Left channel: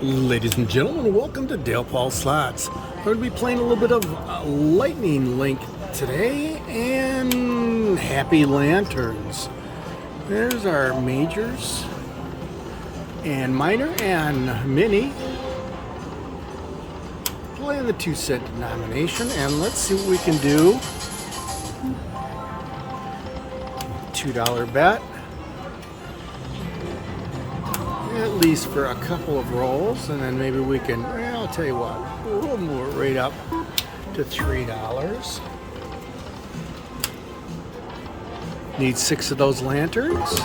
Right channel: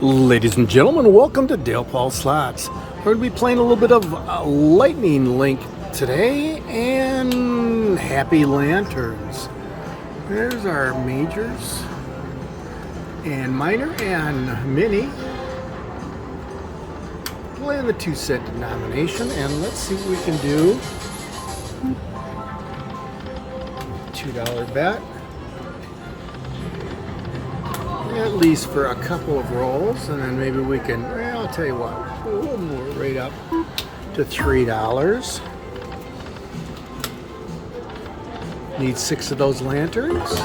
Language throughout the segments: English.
Ladies and gentlemen, welcome to DalePaulSlots. We're going to be playing a little bit of Lightning Link today and Happy Lanterns. There's our majors and minor and mini. Playing the 2-cent denomination, and let's see what we can do. $2 bet. At least for a couple of rolls, and then maybe we can, well, I'll tell you what, we'll move it right up to $3. Need 6 of those lanterns.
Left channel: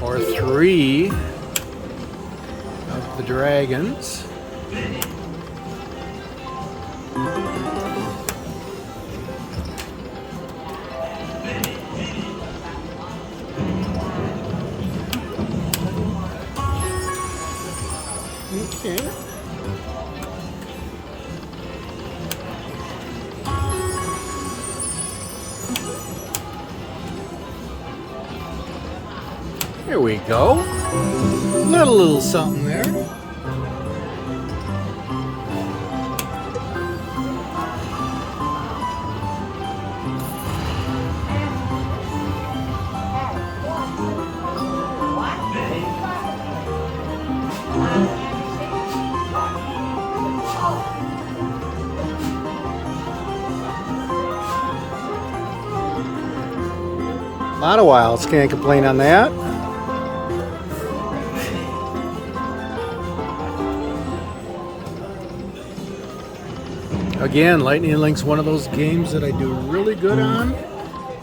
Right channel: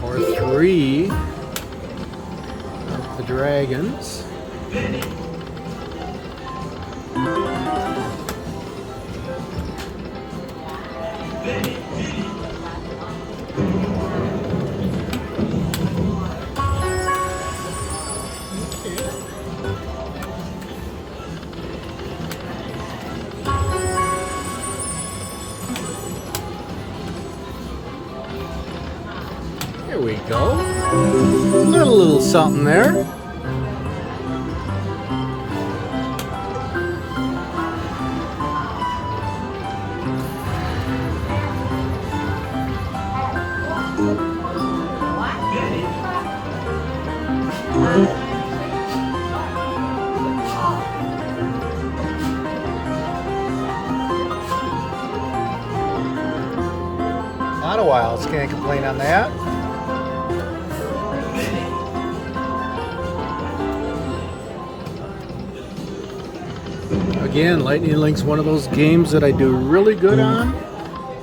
Or 3 of the dragons. Okay. Here we go. Little something there. A lot of wilds, can't complain on that. Again, Lightning Link's one of those games that I do really good on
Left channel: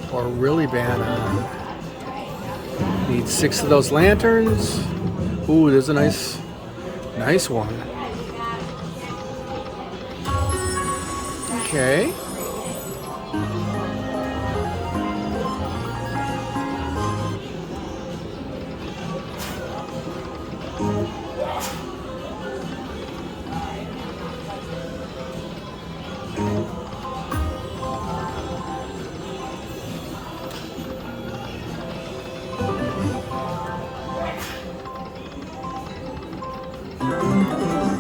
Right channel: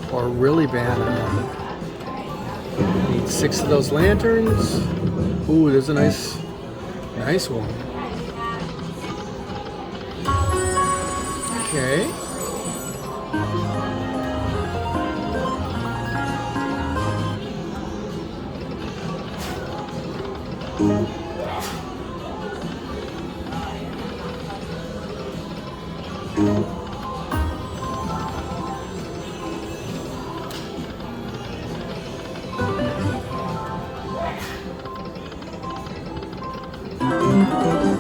or really bad on. Need 6 of those lanterns. Ooh, there's a nice one. Okay.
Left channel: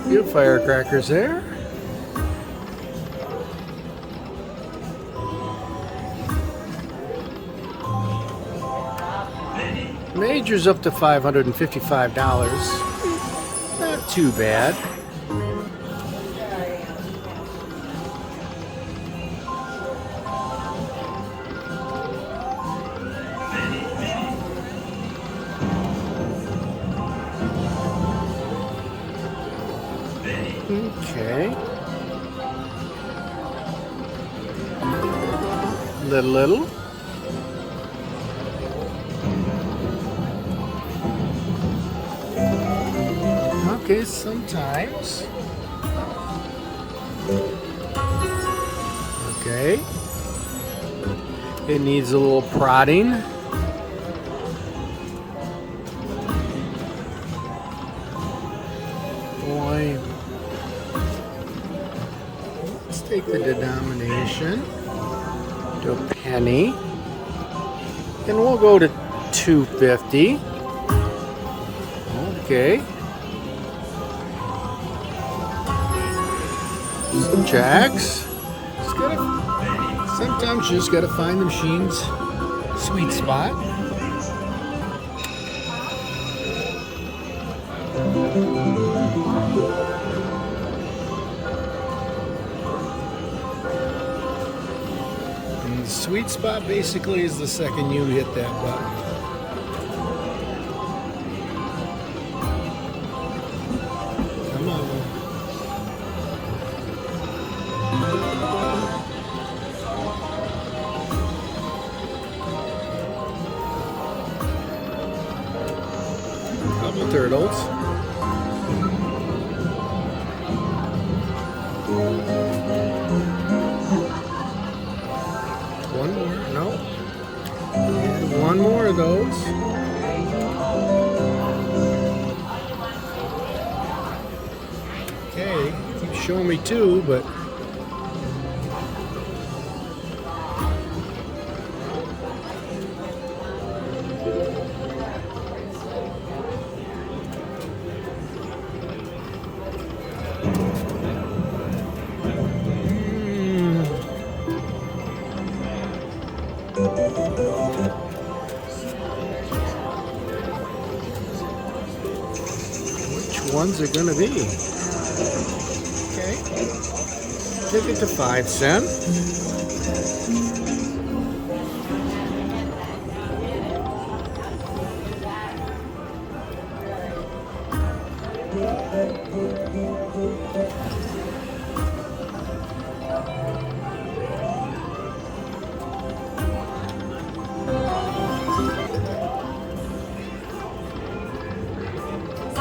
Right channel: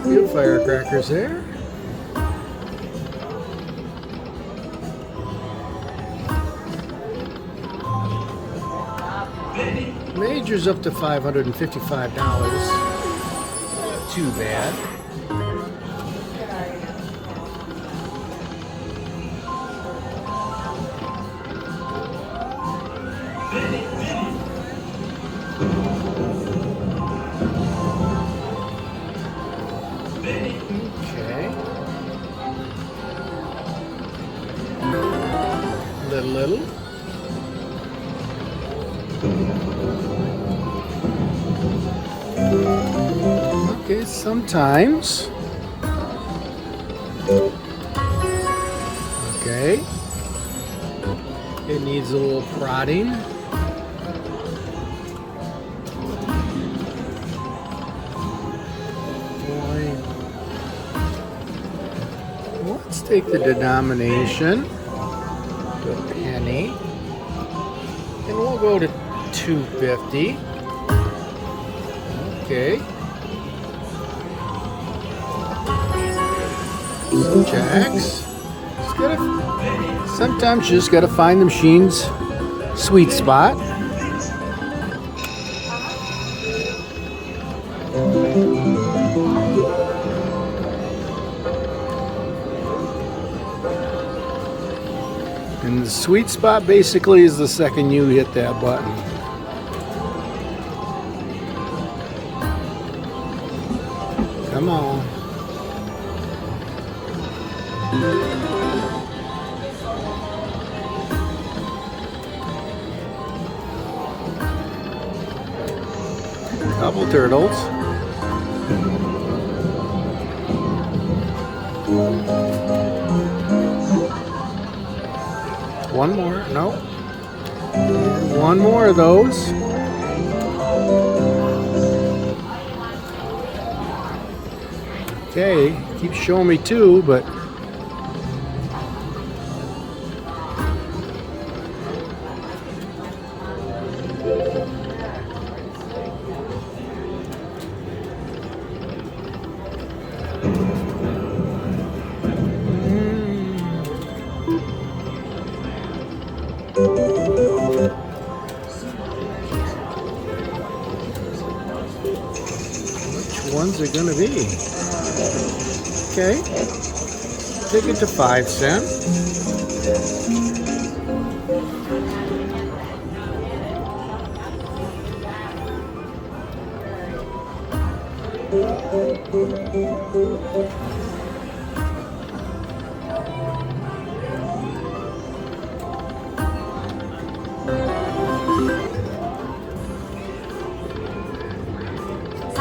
Few firecrackers there. Major's up to $555. Not too bad. Okay. Little. Okay, sometimes. Okay. It needs a little prodding. Boy. Let's take the denomination to a penny, and we'll go to $2.50. Okay. Some jacks. Sometimes you just gotta find the machine's sweet spot. And the sweet spot basically is the second you hit that button. Come on. Couple turtles. One more. No. One more of those. Okay. Keep showing me 2, but Which ones are gonna be? Okay. Take it to 5 cents.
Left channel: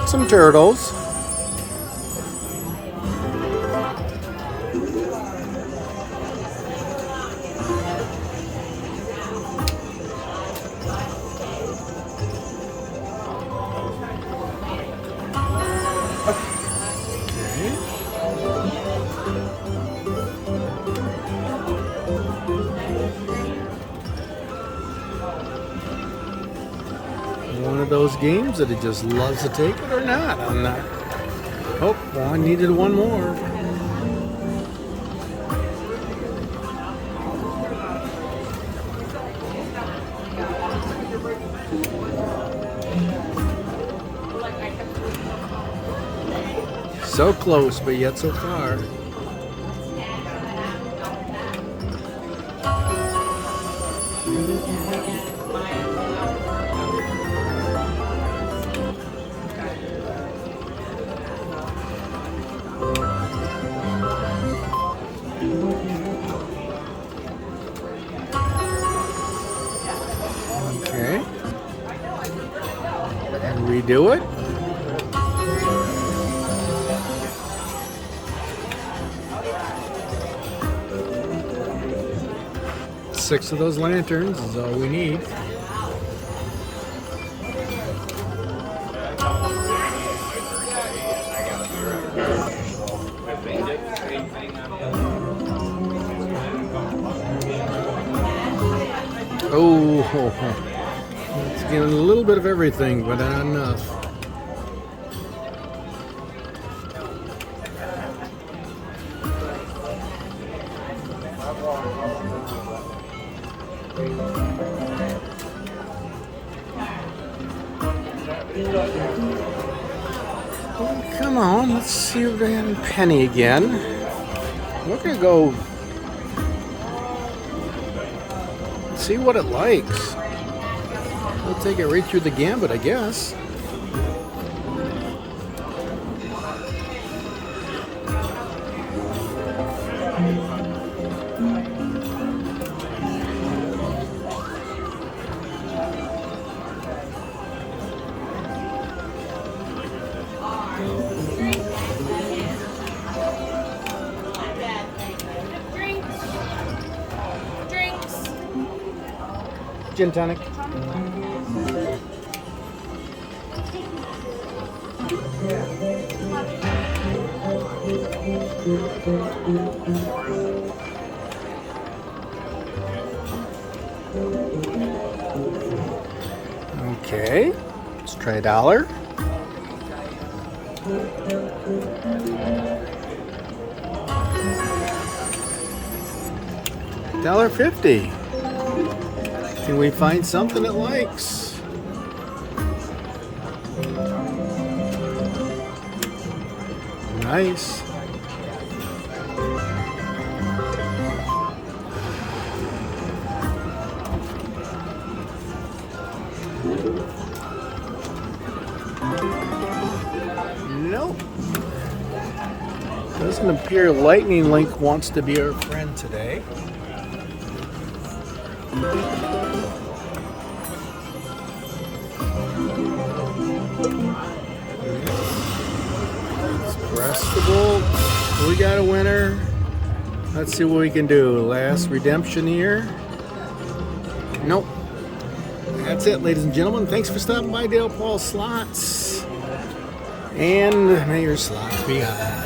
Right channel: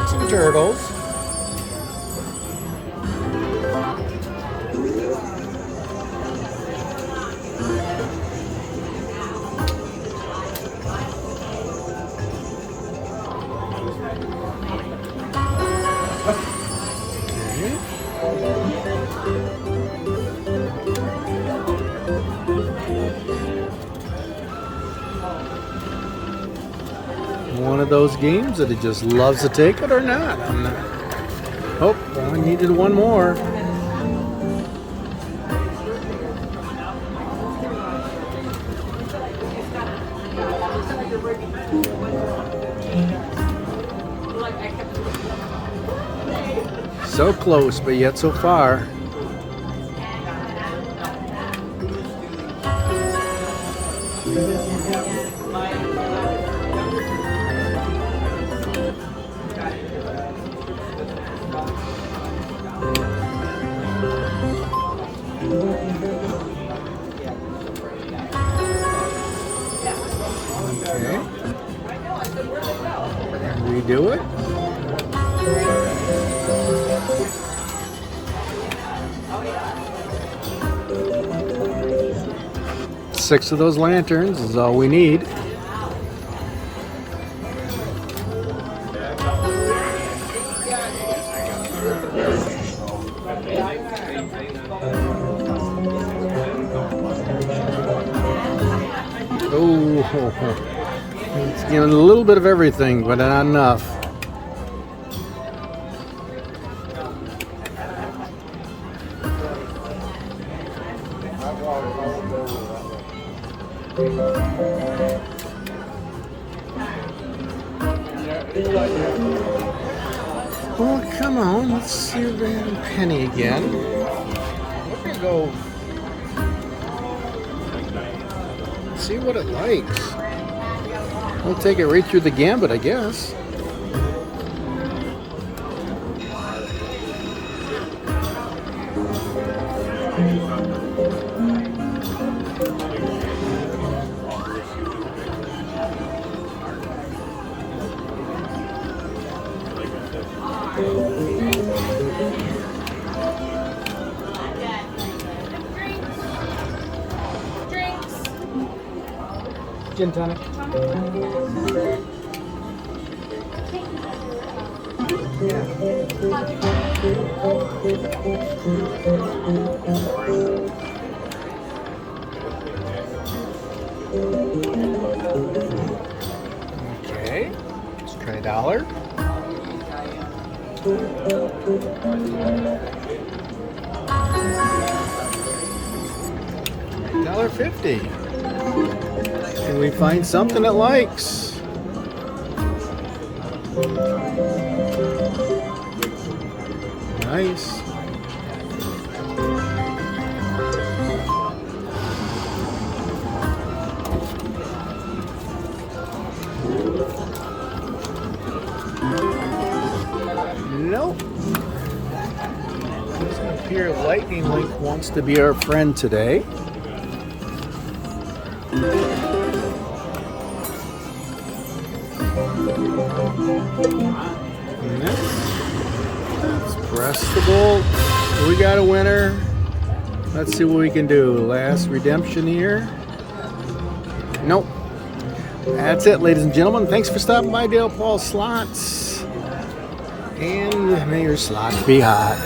Some turtles. Okay. One of those games that it just loves to take it or not. I'm not. Oh, well, I needed one more. So close, but yet so far. Okay. And redo it. Six of those lanterns is all we need. Oh, it's giving a little bit of everything, but not enough. Well, come on, let's see the penny again. We're gonna go see what it likes. We'll take it right through the gambit, I guess. Gin tonic. Okay, let's try $1. $1.50. Can we find something it likes? Nice. Nope. Doesn't appear Lightning Link wants to be our friend today. Let's press the bolt. We got a winner. Let's see what we can do. Last redemption here. Nope. That's it, ladies and gentlemen. Thanks for stopping by DalePaulSlots. And may your slots be hot.